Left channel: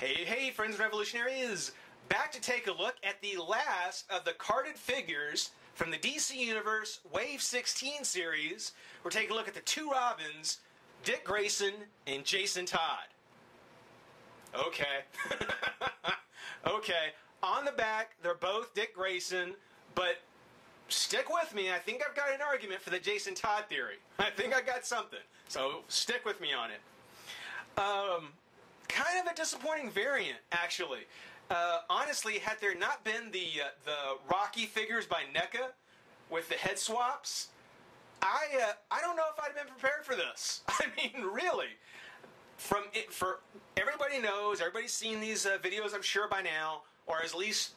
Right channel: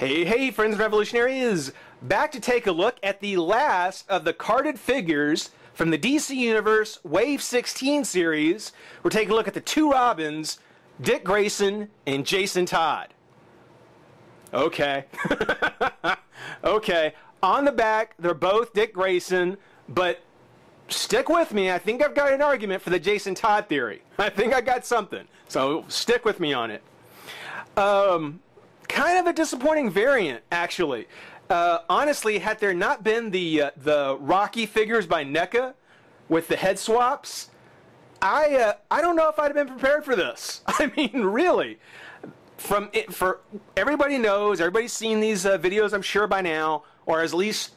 Hey, friends and revolutionaries! Back to take a look at the last of the carded figures from the DC Universe Wave 16 series. We're taking a look at the two Robins, Dick Grayson and Jason Todd. Okay. Okay. On the back, they're both Dick Grayson, but stick with me. I think I've got an argument for the Jason Todd theory. I think I got something. So stick with me on it. Kind of a disappointing variant, actually. Honestly, had there not been the Rocky figures by NECA with the head swaps, I don't know if I'd have been prepared for this. I mean, really. For everybody knows, everybody's seen these videos, I'm sure by now, or has at least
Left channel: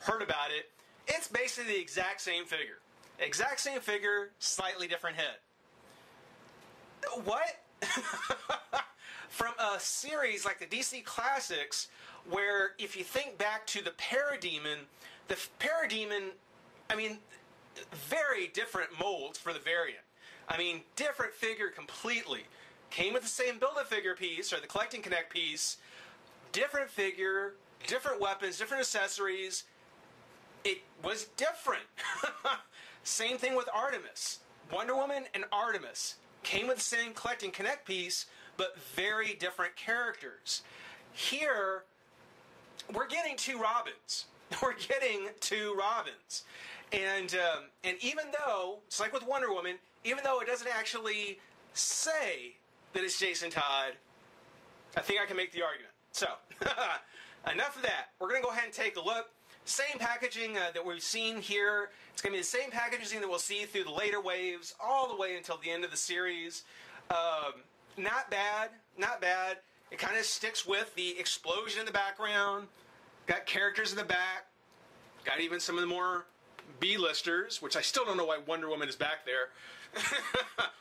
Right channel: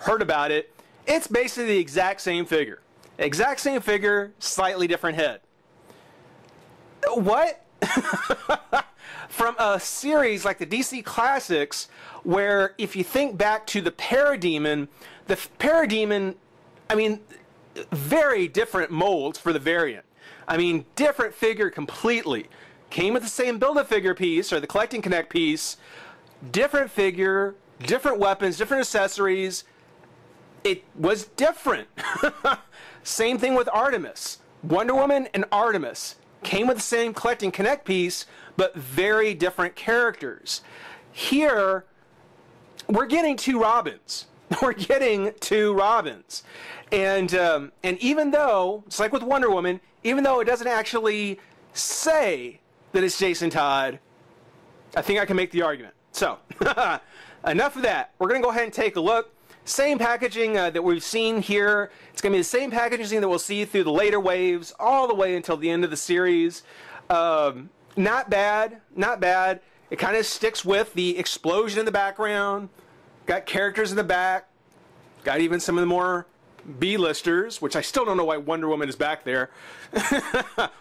heard about it. It's basically the exact same figure. Exact same figure, slightly different head. What? From a series like the DC Classics, where if you think back to the Parademon, I mean, very different molds for the variant. I mean, different figure completely. Came with the same Build-A-Figure piece, or the Collect and Connect piece, different figure, different weapons, different accessories. It was different. Same thing with Artemis. Wonder Woman and Artemis came with the same Collect and Connect piece, but very different characters. Here, we're getting two Robins. We're getting two Robins. And even though, it's like with Wonder Woman, even though it doesn't actually say that it's Jason Todd, I think I can make the argument. So, enough of that. We're going to go ahead and take a look. Same packaging that we've seen here. It's going to be the same packaging that we'll see through the later waves, all the way until the end of the series. Not bad, not bad. It kind of sticks with the explosion in the background. Got characters in the back. Got even some of the more B-listers, which I still don't know why Wonder Woman is back there.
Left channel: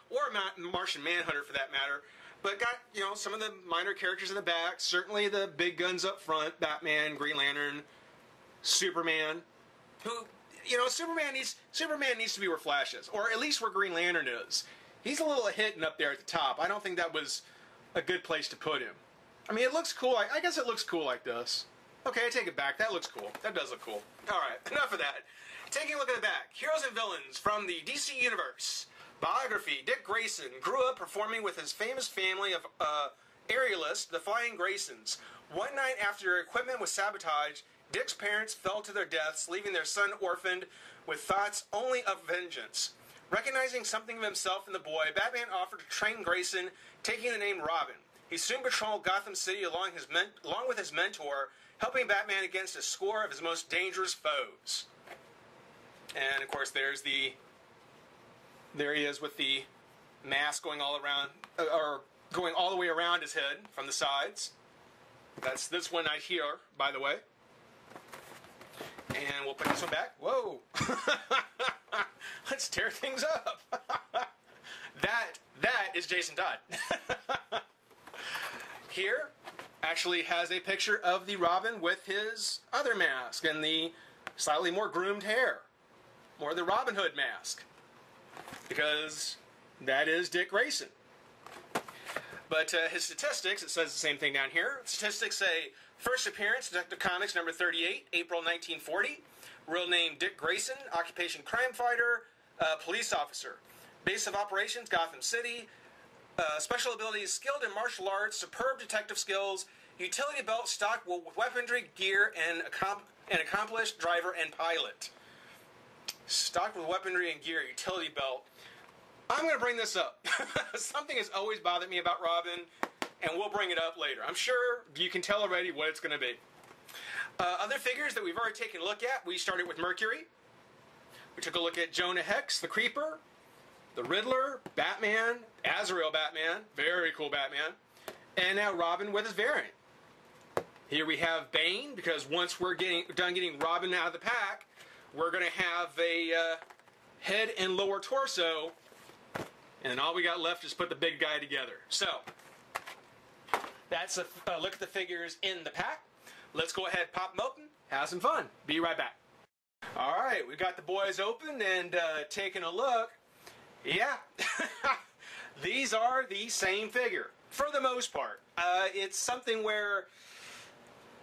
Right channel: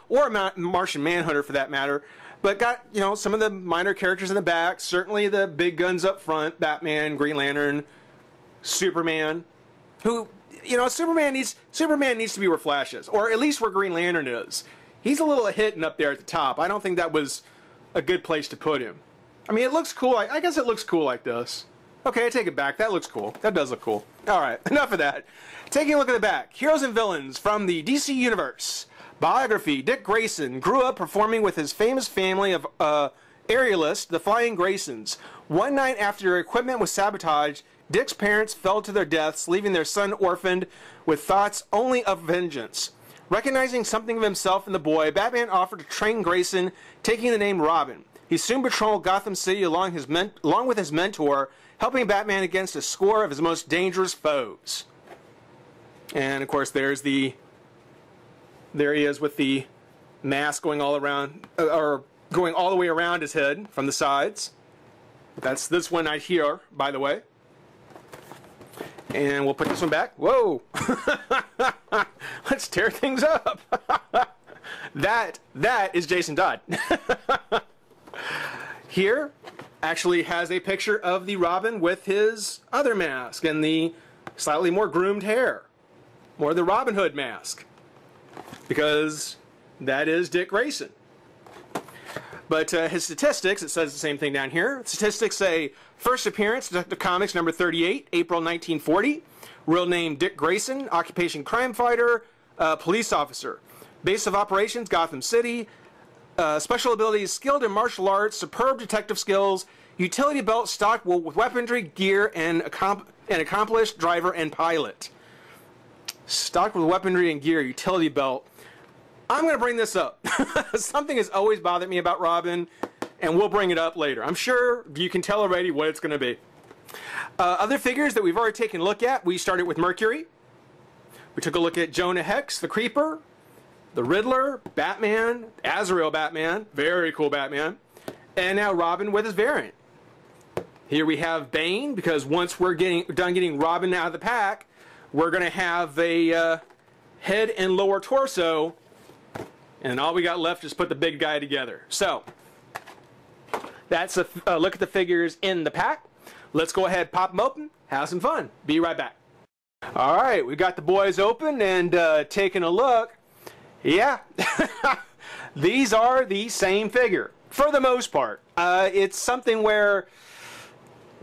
Or Martian Manhunter, for that matter. But got, some of the minor characters in the back. Certainly the big guns up front. Batman, Green Lantern, Superman. Who, Superman needs to be where Flash is. Or at least where Green Lantern is. He's a little hidden up there at the top. I don't think that was a good place to put him. I mean, it looks cool. I guess it looks cool like this. Okay, I take it back. That looks cool. That does look cool. Alright, enough of that. Taking a look at the back. Heroes and Villains from the DC Universe. Biography. Dick Grayson grew up performing with his famous family of aerialists, the Flying Graysons. One night after their equipment was sabotaged, Dick's parents fell to their deaths, leaving their son orphaned with thoughts only of vengeance. Recognizing something of himself in the boy, Batman offered to train Grayson, taking the name Robin. He soon patrolled Gotham City along with his mentor, helping Batman against a score of his most dangerous foes. And of course, there he is with the mask going all around, or going all the way around his head from the sides. That's this one right here, by the way. And we'll put this one back. Whoa! Let's tear things up. That is Jason Todd. Here actually has a picture of the Robin with his other mask and the slightly more groomed hair. More the Robin Hood mask. Because that is Dick Grayson. But his statistics, it says the same thing down here. Statistics say, first appearance, Detective Comics number 38, April 1940. Real name, Dick Grayson. Occupation, crime fighter, police officer. Base of operations, Gotham City. Special abilities, skilled in martial arts, superb detective skills, utility belt stocked with weaponry, gear, and an accomplished driver and pilot. Stocked with weaponry and gear, utility belt. I'm going to bring this up. Something has always bothered me about Robin, and we'll bring it up later. I'm sure you can tell already what it's going to be. Other figures that we've already taken a look at, we started with Mercury. We took a look at Jonah Hex, the Creeper, the Riddler, Batman, Azrael Batman, very cool Batman, and now Robin with his variant. Here we have Bane, because once we're done getting Robin out of the pack, we're going to have a head and lower torso, and all we got left is put the big guy together. So, that's a look at the figures in the pack. Let's go ahead, pop them open, have some fun. Be right back. Alright, we got the boys open and taking a look. Yeah, these are the same figure, for the most part. It's something where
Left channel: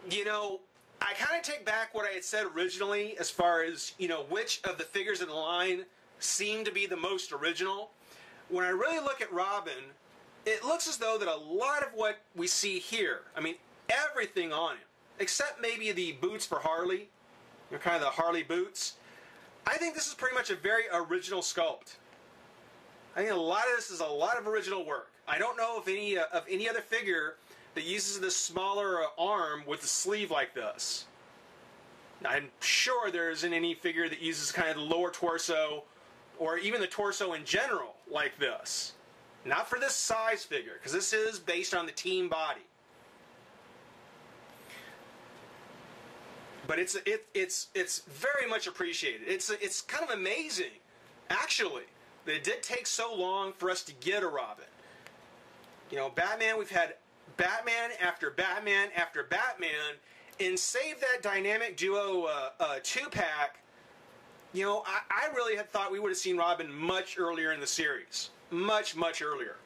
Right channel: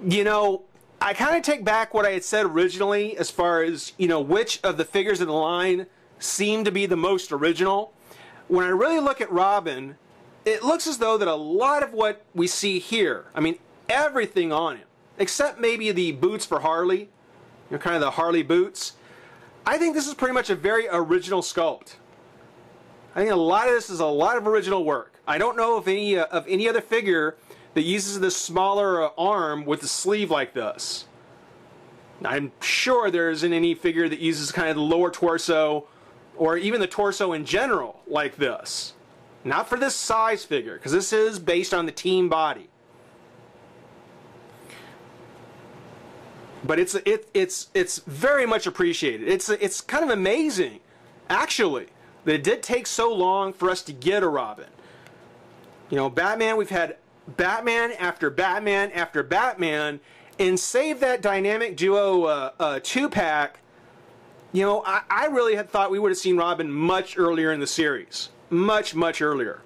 You know, I kind of take back what I had said originally as far as, you know, which of the figures in the line seem to be the most original. When I really look at Robin, it looks as though that a lot of what we see here, I mean, everything on him, except maybe the boots for Harley, you know, kind of the Harley boots, I think this is pretty much a very original sculpt. I think a lot of this is a lot of original work. I don't know of any other figure that uses this smaller arm with a sleeve like this. I'm sure there isn't any figure that uses kind of the lower torso or even the torso in general like this. Not for this size figure, because this is based on the team body. But it's very much appreciated. It's kind of amazing, actually, that it did take so long for us to get a Robin. You know, Batman, we've had Batman after Batman after Batman, and save that dynamic duo 2-pack, you know, I really had thought we would have seen Robin much earlier in the series. Much, much earlier.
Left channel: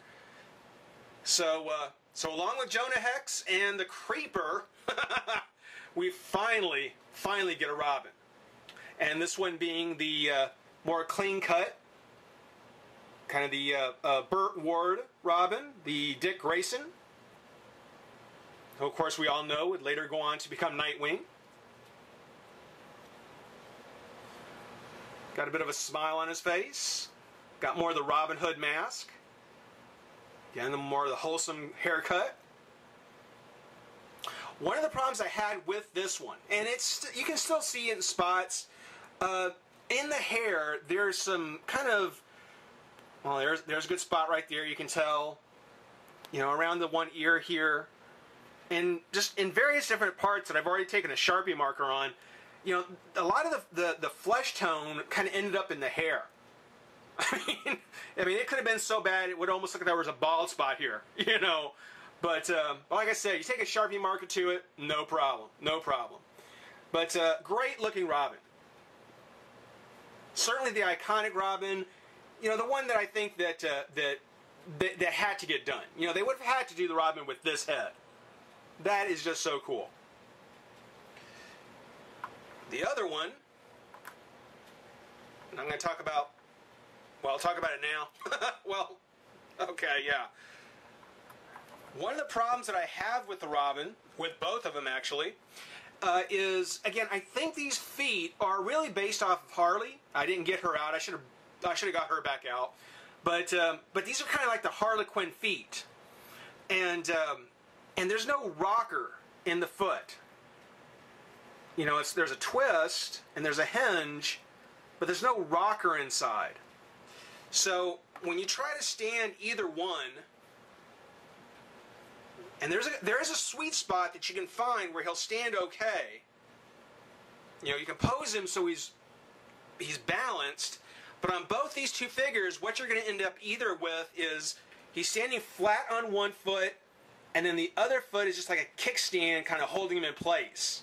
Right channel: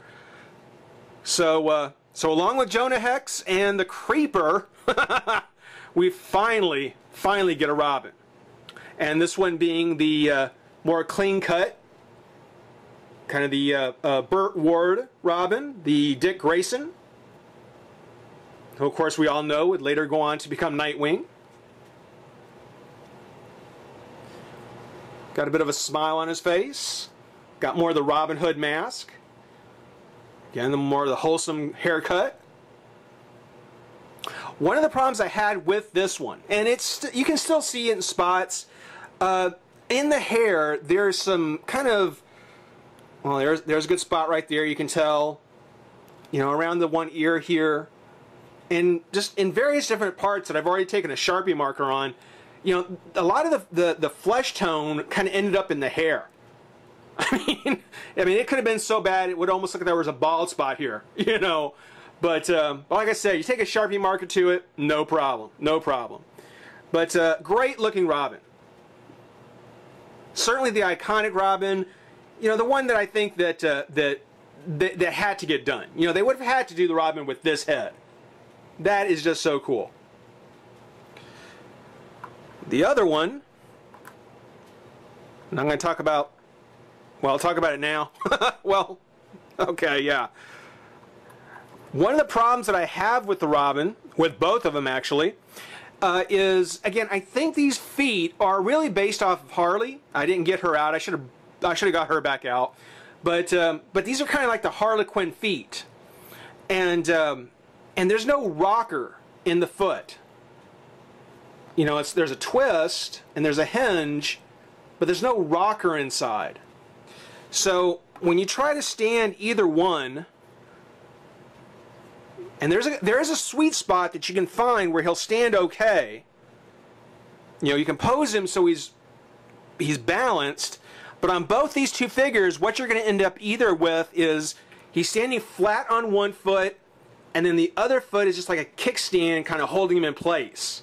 So along with Jonah Hex and the Creeper, we finally get a Robin. And this one being the more clean-cut, kind of the Burt Ward Robin, the Dick Grayson, who of course we all know would later go on to become Nightwing. Got a bit of a smile on his face. Got more of the Robin Hood mask. Again, more of the wholesome haircut. One of the problems I had with this one, and you can still see it in spots, in the hair, there's some kind of, well, there's a good spot right there, you can tell, you know, around the one ear here, and just in various different parts that I've already taken a Sharpie marker on, you know, a lot of the flesh tone kind of ended up in the hair. I mean, it could have been so bad it would almost look like there was a bald spot here, you know. But like I said, you take a Sharpie marker to it, no problem, no problem. But great looking Robin. Certainly the iconic Robin, you know, the one that I think that had to get done. You know, they would have had to do the Robin with this head. That is just so cool. The other one, and I'm going to talk about, well, I'll talk about it now. Well, okay, yeah. One of the problems that I have with the Robin, with both of them actually, is, again, I think these feet are really based off of Harley. I didn't get her out. I should have got her back out. But these are kind of like the Harlequin feet. And there's no rocker in the foot. You know, there's a twist and there's a hinge, but there's no rocker inside. So when you try to stand either one, and there is a sweet spot that you can find where he'll stand okay. You know, you can pose him so he's balanced, but on both these two figures, what you're going to end up either with is he's standing flat on one foot, and then the other foot is just like a kickstand kind of holding him in place.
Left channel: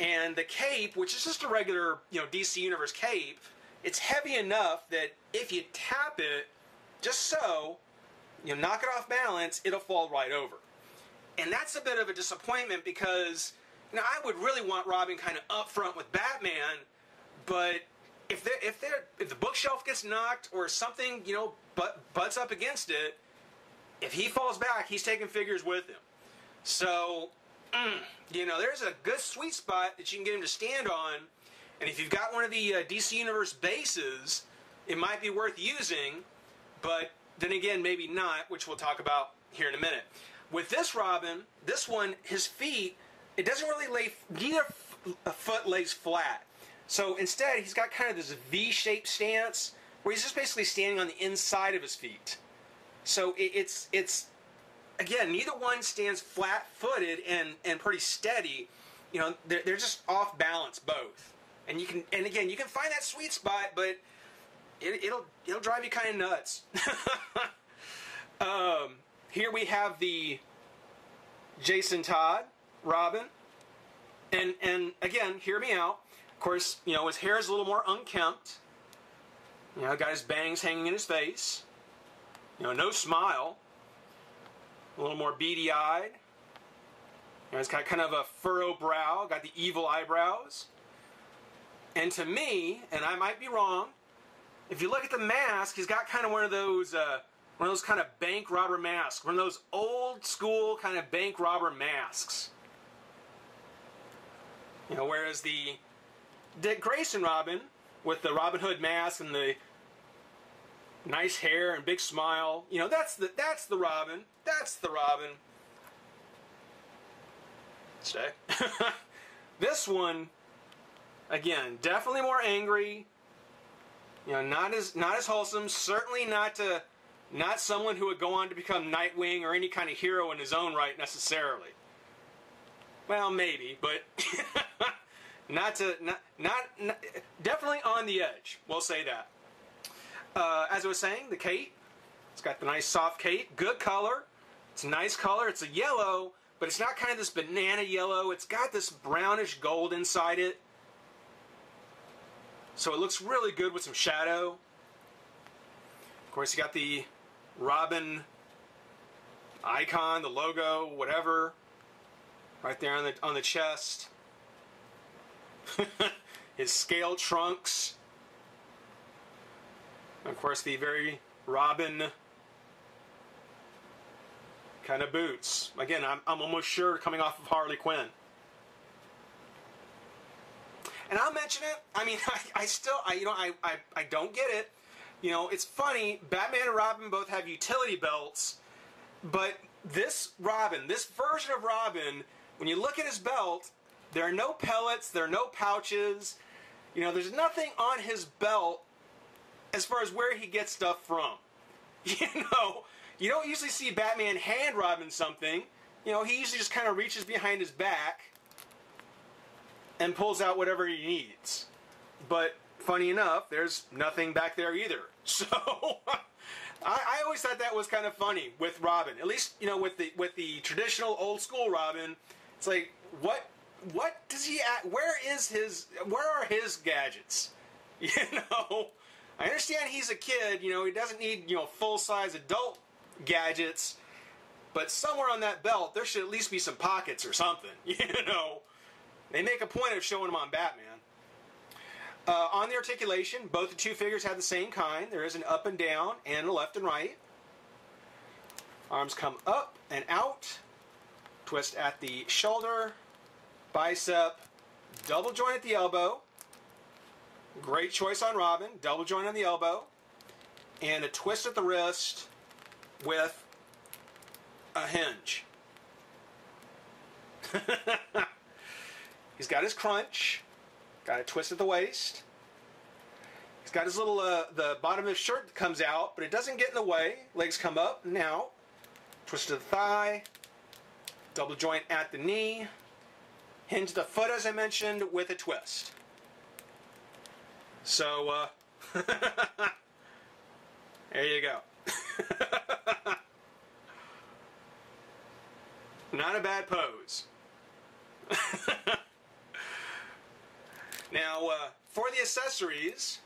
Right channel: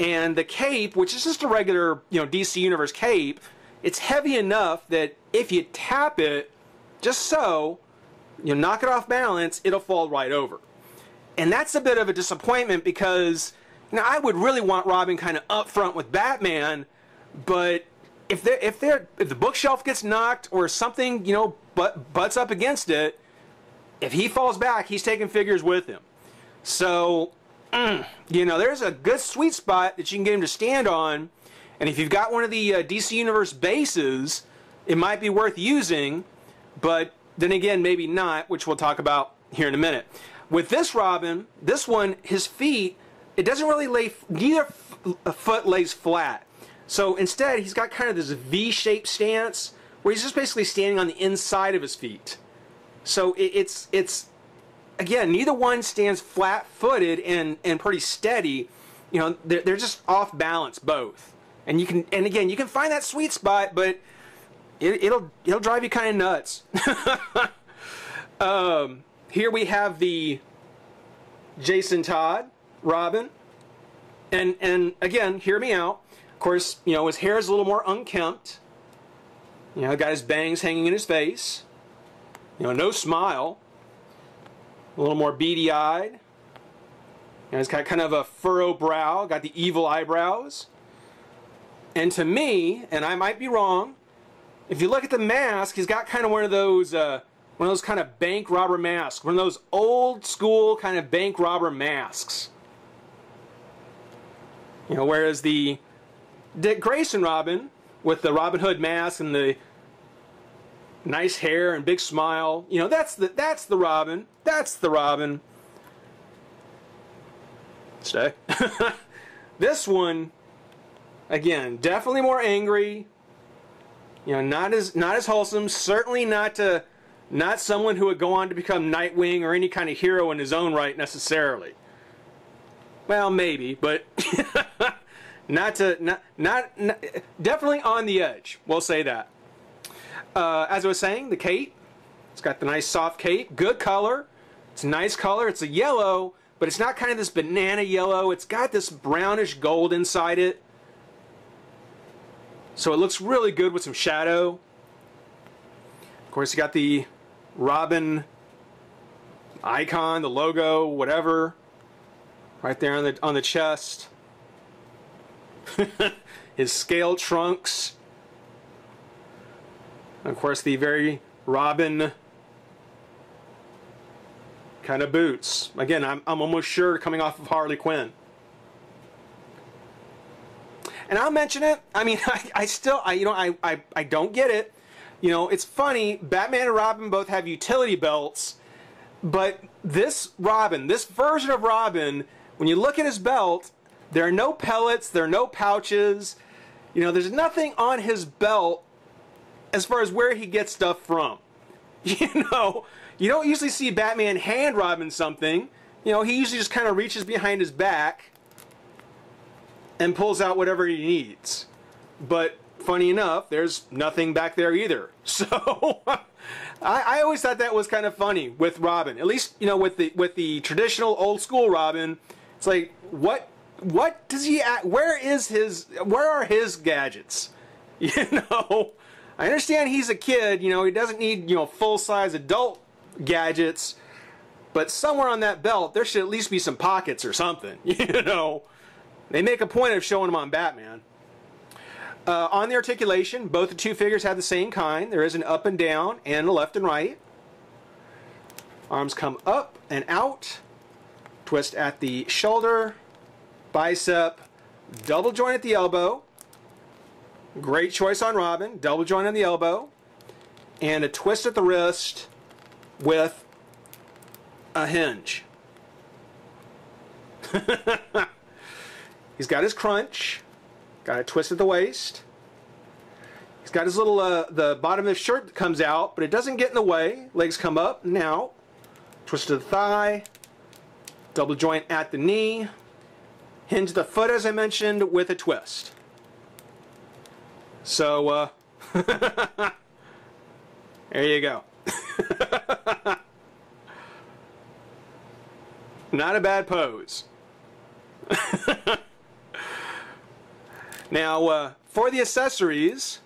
And the cape, which is just a regular, you know, DC Universe cape, it's heavy enough that if you tap it, just so, you knock it off balance, it'll fall right over. And that's a bit of a disappointment because, you know, I would really want Robin kind of up front with Batman, but if the bookshelf gets knocked or something, you know, butts up against it, if he falls back, he's taking figures with him. So, you know, there's a good sweet spot that you can get him to stand on, and if you've got one of the DC Universe bases, it might be worth using, but then again, maybe not, which we'll talk about here in a minute. With this Robin, this one, his feet, it doesn't really lay, neither foot lays flat. So instead, he's got kind of this V-shaped stance where he's just basically standing on the inside of his feet. So it's again, neither one stands flat-footed and pretty steady. You know, they're just off balance both. And again, you can find that sweet spot, but it'll drive you kind of nuts. Here we have the Jason Todd Robin, and again, hear me out. Of course, you know, his hair is a little more unkempt. You know, got his bangs hanging in his face. You know, no smile. A little more beady-eyed. You know, he's got kind of a furrow brow, got the evil eyebrows. And to me, and I might be wrong, if you look at the mask, he's got kind of one of those kind of bank robber masks, one of those old school kind of bank robber masks. You know, whereas the Dick Grayson Robin with the Robin Hood mask and the nice hair and big smile, you know, that's the Robin. That's the Robin. Stay. This one, again, definitely more angry. You know, not as wholesome. Certainly not someone who would go on to become Nightwing or any kind of hero in his own right necessarily. Well, maybe, but definitely on the edge. We'll say that. As I was saying, the cape. It's got the nice soft cape. Good color. It's a nice color. It's a yellow, but it's not kind of this banana yellow. It's got this brownish gold inside it. So it looks really good with some shadow. Of course, you got the Robin icon, the logo, whatever, right there on the chest. His scaled trunks. And of course, the very Robin kind of boots. Again, I'm almost sure coming off of Harley Quinn. And I'll mention it. I mean, I don't get it. You know, it's funny. Batman and Robin both have utility belts, but this Robin, this version of Robin, when you look at his belt, there are no pellets, there are no pouches. You know, there's nothing on his belt as far as where he gets stuff from. You know, you don't usually see Batman hand Robin something. You know, he usually just kind of reaches behind his back and pulls out whatever he needs. But funny enough, there's nothing back there either. So I always thought that was kind of funny with Robin. At least, you know, with the traditional old school Robin, it's like, what does he where are his gadgets? You know, I understand he's a kid, you know, he doesn't need, you know, full-size adult gadgets, but somewhere on that belt there should at least be some pockets or something. You know, they make a point of showing them on Batman. On the articulation, both the two figures have the same kind. There is an up and down and a left and right. Arms come up and out. Twist at the shoulder, bicep, double joint at the elbow. Great choice on Robin. Double joint on the elbow. And a twist at the wrist with a hinge. He's got his crunch. Got a twist at the waist. He's got his little, the bottom of his shirt that comes out, but it doesn't get in the way. Legs come up and out. Twist to the thigh. Double joint at the knee. Hinge the foot, as I mentioned, with a twist. So, there you go. Not a bad pose. Now, for the accessories,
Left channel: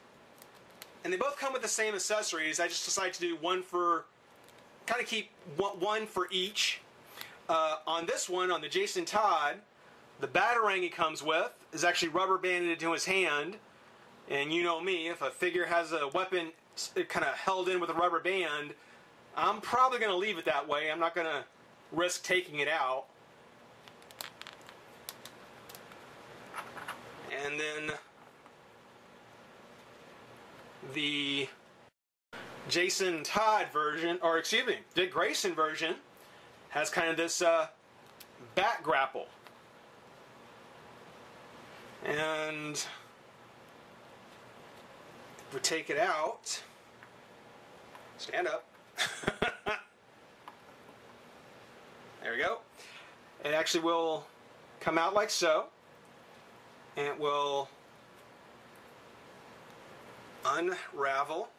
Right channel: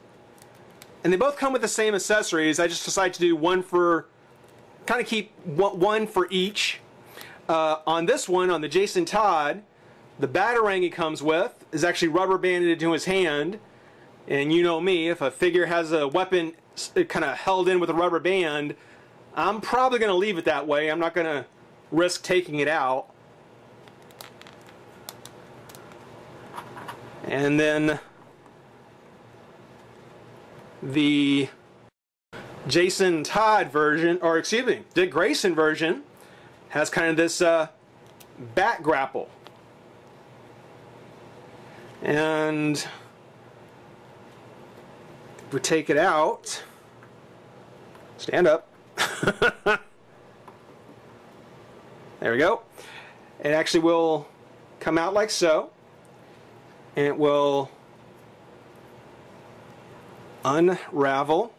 and they both come with the same accessories, I just decided to do one for, kind of keep one for each. On this one, on the Jason Todd, the Batarang he comes with is actually rubber banded into his hand. And you know me, if a figure has a weapon kind of held in with a rubber band, I'm probably going to leave it that way. I'm not going to risk taking it out. And then the Jason Todd version, or excuse me, Dick Grayson version, has kind of this bat grapple. And if we take it out, stand up. There we go. It actually will come out like so. And it will unravel.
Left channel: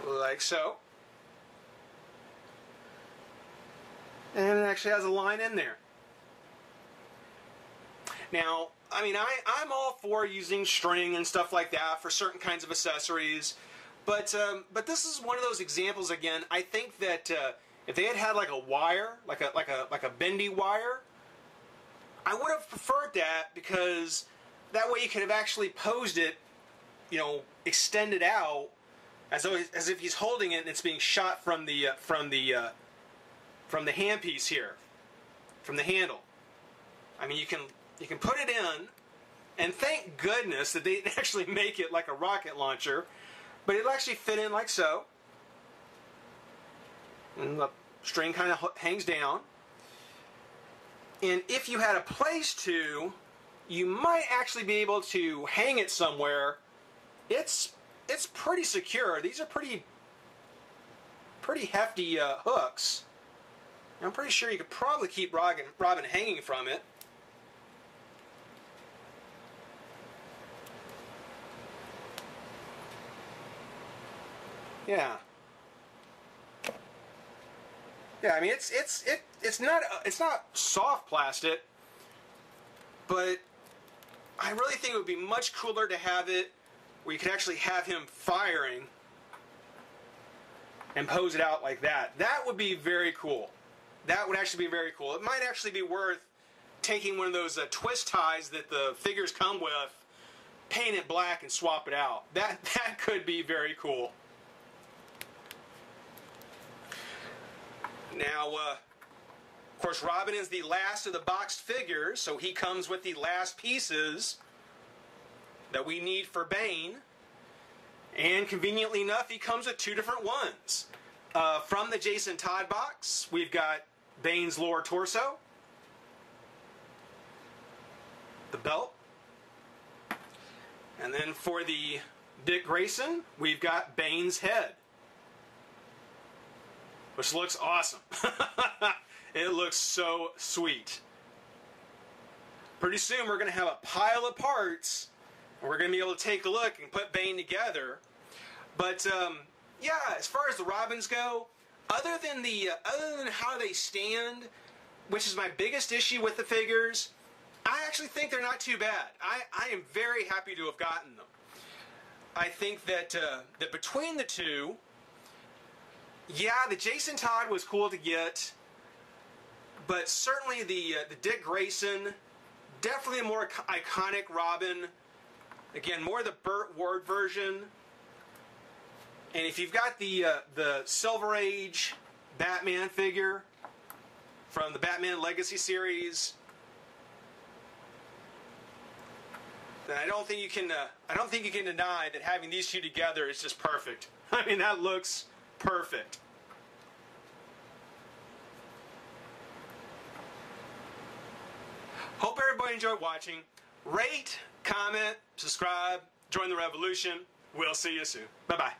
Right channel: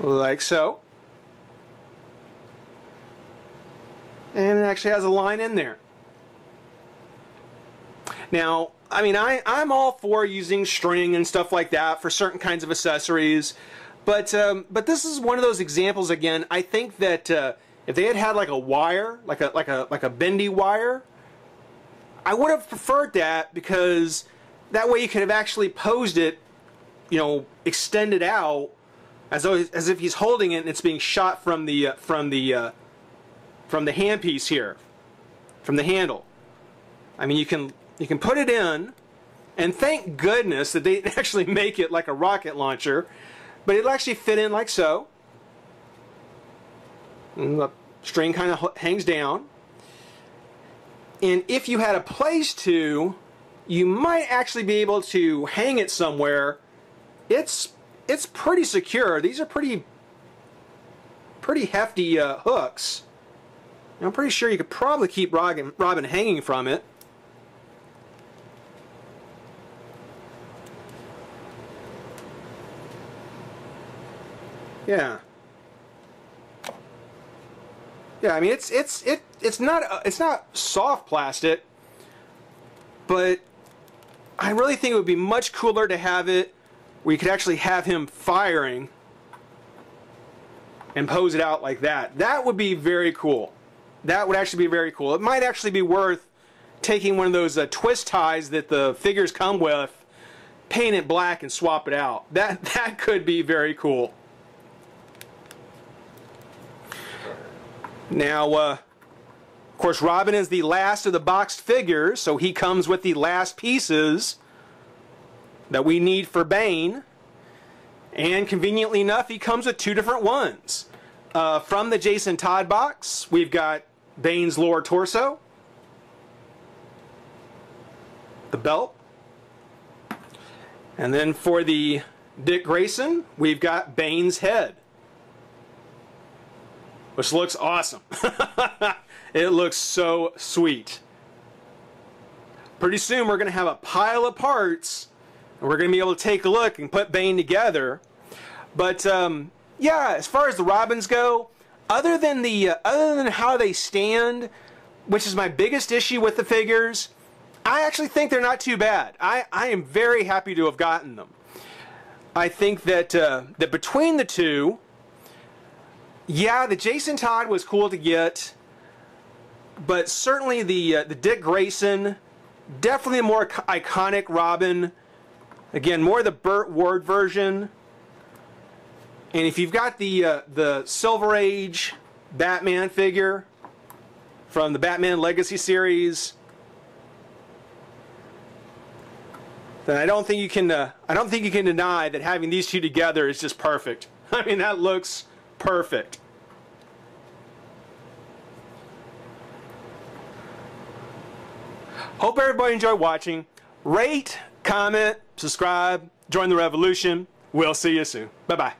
Like so. And it actually has a line in there. Now, I mean, I'm all for using string and stuff like that for certain kinds of accessories. But this is one of those examples again. I think that if they had had like a wire, like a bendy wire, I would have preferred that, because that way you could have actually posed it, you know, extended out as if he's holding it and it's being shot from the handpiece here, from the handle. I mean, you can put it in, and thank goodness that they actually make it like a rocket launcher, but it'll actually fit in like so. And the string kind of hangs down. And if you had a place to, you might actually be able to hang it somewhere. It's pretty secure. These are pretty hefty hooks. I'm pretty sure you could probably keep Robin hanging from it. Yeah. Yeah, I mean it's not soft plastic, but I really think it would be much cooler to have it where you could actually have him firing and pose it out like that. That would be very cool. That would actually be very cool. It might actually be worth taking one of those twist ties that the figures come with, paint it black and swap it out. That could be very cool. Now, of course, Robin is the last of the boxed figures, so he comes with the last pieces that we need for Bane. And conveniently enough, he comes with two different ones. From the Jason Todd box, we've got Bane's lower torso, the belt, and then for the Dick Grayson, we've got Bane's head, which looks awesome. It looks so sweet. Pretty soon we're going to have a pile of parts, and we're going to be able to take a look and put Bane together. But yeah, as far as the Robins go, other than how they stand, which is my biggest issue with the figures, I actually think they're not too bad. I am very happy to have gotten them. I think that that between the two, yeah, the Jason Todd was cool to get, but certainly the Dick Grayson, definitely a more iconic Robin. Again, more the Burt Ward version. And if you've got the Silver Age Batman figure from the Batman Legacy series, then I don't think you can deny that having these two together is just perfect. I mean, that looks perfect. Hope everybody enjoyed watching. Rate, comment, subscribe, join the revolution. We'll see you soon. Bye-bye.